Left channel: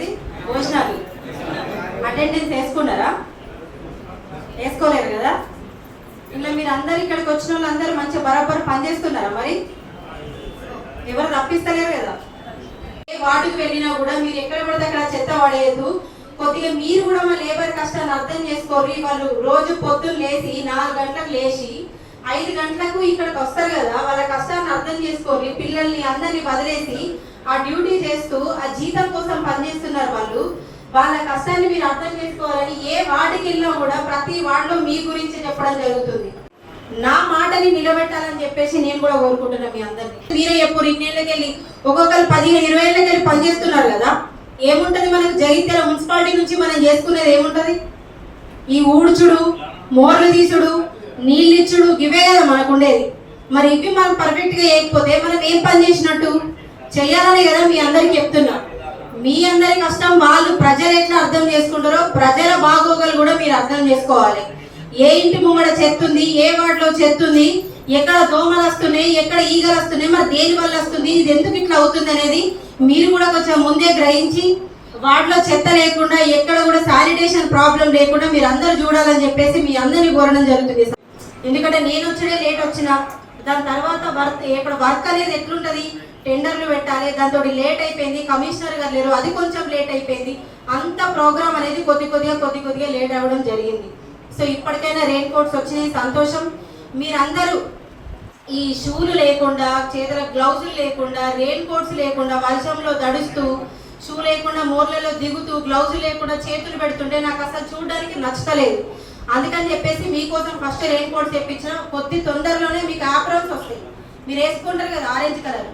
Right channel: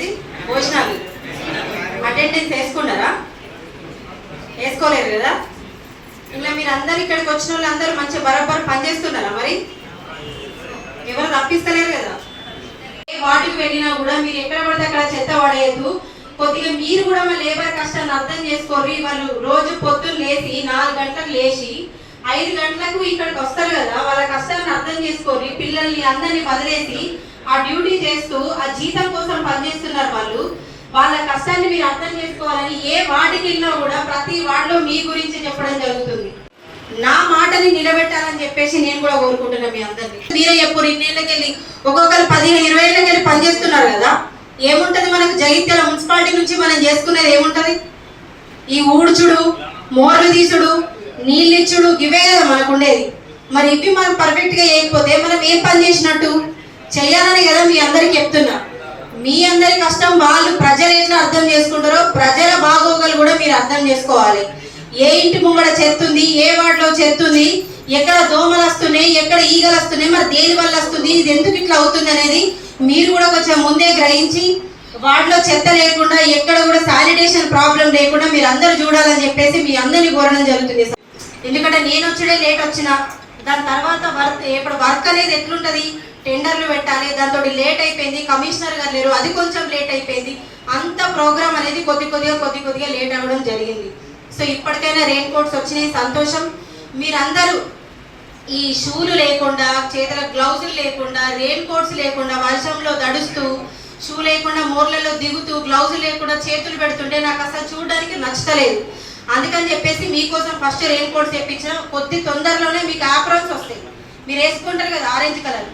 ఏంటది భోజనాలు అటెండెన్స్ వేసుకున్నారా? వేసుకోలేరు కదా. ఇలా మీరు అందరు ఇక్కడికి వచ్చిన వాళ్ళు అందరూ మంచిగా బరాబర్ పనిచేస్తున్నారా? మరి ఎవరు తప్పిస్తలేరు కదా. ఏ వాటికి వెళ్ళినా కూడా మీరు ఎక్కడ పడితే అక్కడ చెత్త పడేయద్దు. కొద్దిగా మీరు కూడా మా లేబర్ కష్టాన్ని అర్థం చేసుకోరు. వాళ్ళు రోజు పొద్దున్న లేచి 4 గంటలకు లేచి 5 గంటలకు ఇక్కడికి వస్తారు కదా. వాళ్ళ కష్టాన్ని అర్థం చేసుకోరు. పిల్లల్ని అందరినీ వదిలేసి ఆ డ్యూటీ చేస్తూ ఆ జీతం కోసం పనిచేస్తున్నారు వాళ్ళు. వాళ్ళ కష్టాన్ని మీరు అర్థం చేసుకోవాలని ఏ వార్డుకి వెళ్ళినా కూడా ప్రతి వార్డులో మీ గురించి చెప్పడం జరుగుతుంది. నా మాటని నిలబెట్టాలని చెప్పేసి నేను కూడా కోరుకుంటున్నా మీ అందరినీ. మీరే ఎప్పుడు ఇన్నేళ్ళకి వెళ్ళి ఒక్కొక్కరు 15-20 ఏళ్ళకి వెళ్ళి పనిచేస్తున్నారు కదా. ఏముంటది మనకు జగిత్యాల మున్సిపాలిటీ నుంచి మనం చేసుకునేది ఏముంటది? ఈ ఊడ్చుడు, మోర్లు తీసుడు, నీళ్ళు ఇచ్చుడు, ఇవే కదా మనకు ఉండేది. మరి ఇవి మనం పర్ఫెక్ట్ గా చేయకపోతే మనం ఏం పని చేసినట్టు? చెయ్యాలని కదా మీ అందరికి చెప్తున్నా. మీ అందరి కష్టం వాళ్ళు ప్రజలు ఎట్లా అర్థం చేసుకుంటారో ప్రజల బాగోగులు కూడా మీరు అర్థం చేసుకోవాలి. ఏ ఇంటి ముంగడ చెత్తుంది, ఏ వార్డులో చెత్తుంది, ఎక్కడ దోమలు వస్తున్నాయి, ఎక్కడ ఈగలు వస్తున్నాయి, మరి దేని వల్ల వస్తుంది, ఇది ఎందుకు ఇట్లా అవుతుంది అనేది మీరు కూడా కొంచెం ముందే గ్రహించి వాటిలో చెత్త లేకుండా ఎక్కడ కూడా శానిటేషన్ ప్రాబ్లం లేకుండా మీరు అందరూ చూడాలని చెప్పేసి మీ అందరినీ కోరడం జరుగుతుంది. ఎందుకంటే నేను వచ్చే లేట్ వచ్చినా దాని తర్వాత వర్క్ అనేది ఎట్లుంటది, టెండర్లు పెట్టాలి, దాంతో లేట్ అయిపోయింది, కమిషనర్ గారు లేరు, అది కొంచెం లేట్ అయిపోయింది. అంత ప్రోగ్రామ్ అనేది కొద్దిగా లేట్ అవ్వడం జరిగింది. సో ఇప్పటికైనా రెయిన్ కోట్స్ వచ్చినాయి, సంతోషం. మీరందరూ ఈ షూలు లేకుండా, చేతుల గ్లౌజులు లేకుండా, రెయిన్ కోట్స్ లేకుండా, వర్షంలో దడుస్తూ, షూ లేకుండా మోర్లలో దిగుతూ, గ్లౌజులు లేకుండా చేతులు పెడుతుంటే నాకు అసలు చూడడానికి నచ్చలేదు. అందుకని చెప్పేసి మీకోసం ఫస్ట్ రెయిన్ కోట్స్ తెప్పించిన. కొద్ది తొందరలోనే మీకు ఆప్రాన్స్ వస్తాయి. మీరు వేసుకుంటారు కదా ఆరెంజ్ కలర్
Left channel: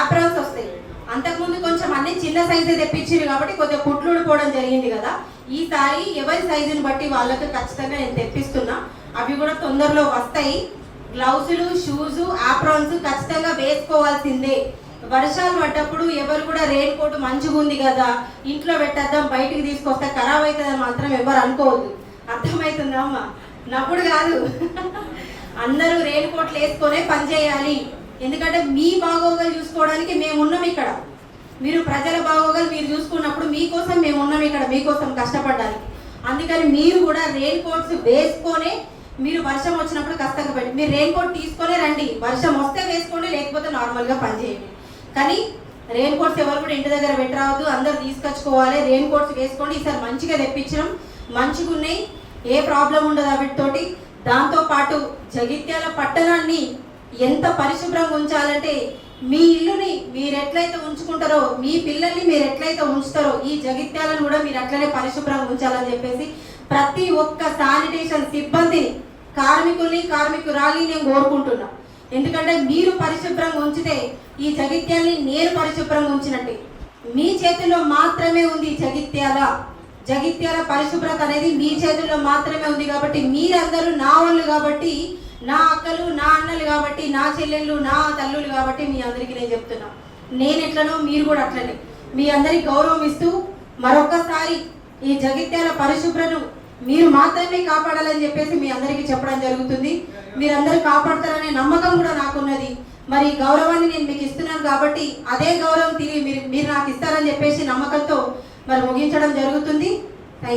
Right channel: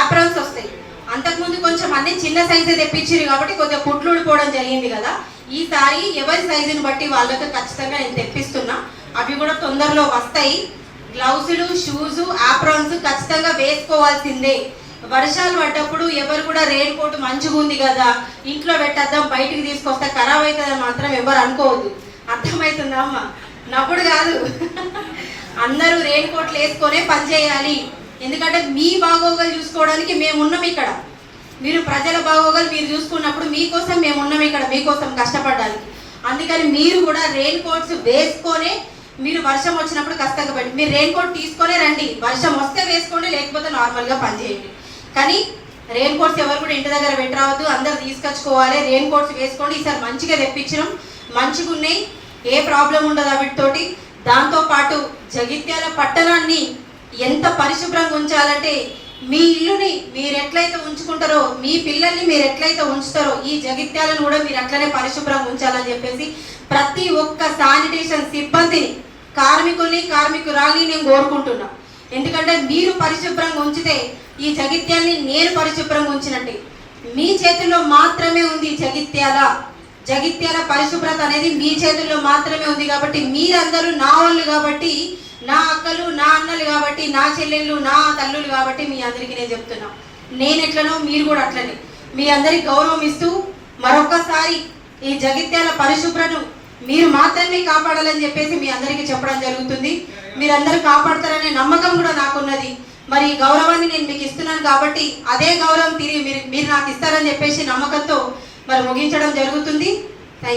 ఆప్రాన్స్ వస్తాయి. అంతకుముందు కొంచెం అన్ని చిన్న సైజే తెప్పించారు కాబట్టి కొద్దిగా పుట్లు ఊడిపోవడం జరిగింది కదా. ఈసారి ఎవరి సైజుని బట్టి వాళ్ళకి ఖచ్చితంగా నేను తెప్పిస్తున్నా. అవి కూడా తొందరలో వస్తాయి. గ్లౌజులు, షూస్, ఆప్రాన్స్ ఖచ్చితంగా వేసుకోవాల్సిందే. వర్షాలు పడ్డప్పుడు ఎవరు కూడా రెయిన్ కోట్ మంచిగా ఉంది కదా ఇంట్లో పెట్టేద్దాం బయటికి తీసుకొస్తే ఖరాబ్ అవుతుందని మాత్రం ఎవరు అనుకోవద్దు. అర్థమవుతుందా అమ్మ? నవ్వుడు కాదు. అందరూ రెయిన్ కోట్లు వేసుకొనే పని చేయాలి. ఎందుకంటే మీ బాగోగులు చూసుకోవడానికి మేము ఉన్నాం ఇక్కడ. మీరు ప్రజల బాగోగులు మీరు చూసుకున్నప్పుడు మీకోసం మేము ఉన్నాం ఇక్కడ, మీకోసం కష్టపడడానికి. అందుకని మీరు కూడా రెయిన్ కోట్స్ వేసుకొనే మీరు వర్షం వచ్చినప్పుడు కష్టంగా పెట్టి మీరు రెయిన్ కోట్ తీసుకొనే రండి. వర్షం వస్తే వేసుకోండి, లేకపోతే నార్మల్గా పనిచేయండి. కానీ రెయిన్ కోట్స్ ఎవరు కూడా ఇంటి దగ్గర పెట్టరావద్దు, అందరు తీసుకొచ్చుకోవాలి. రెయిన్ కోట్స్ వేసుకోండి. ఈసారి మంచిగా తెప్పించడం, మంచిగా ఉన్నాయి, ఏ ప్రాబ్లం ఉండదు వీటితోటి. దాంతోపాటు జగిత్యాల పట్టణాన్ని ఎంత పరిశుభ్రంగా ఉంచాలంటే మీ ఇల్లుని మీరు ఎట్లయితే ఉంచుకుంటారో, మీ పిల్లల్ని మీరు ఎట్లయితే ఉంచుతారో ఈ జగిత్యాలను కూడా మీరు అట్లనే పరిశుభ్రంగా ఉంచాలని చెప్పేసి ప్రతి ఒక్క శానిటేషన్ సిబ్బందిని, కార్మికురాల్ని నేను కోరుకుంటున్నా. ఎందుకంటే మీరు పరిశుభ్రంగా ఉంచితే ఈ జగిత్యాలని నేను పరిశుభ్రంగా ఉంచినట్టే. మీ చేతుల్లో మాత్రమే ఉంది జగిత్యాల పరిశుభ్రత అనేది మీ చేతుల్లో మాత్రమే ఉంది. కాబట్టి మీరందరూ నా వాళ్ళు కాబట్టి, నా అక్కలు, నా అన్నలు కాబట్టి, నా చెల్లెళ్ళు, నా తల్లులు కాబట్టి మీ అందరికీ నేను చెప్తున్నా. నేను ఎట్లనో మీరు కూడా అట్లనే మీ అందరికి గౌరవం ఇస్తూ మరొకసారి ఈ జగిత్యాల పరిశుభ్రతను మీరు మాత్రమే కాపాడాలని చెప్పేసి మీ అందరికీ చెప్పడం జరుగుతుంది. మీరందరూ కాపాడతారనే నమ్మకం కూడా నాకున్నది. మరి గౌరవాన్ని నేను మీకు ఇస్తున్నాను కాబట్టి అదే గౌరవం తిరిగి మీరు నాకు ఇస్తారని చెప్పేసి నమ్మకంతో మరి ముగించడం జరుగుతుంది.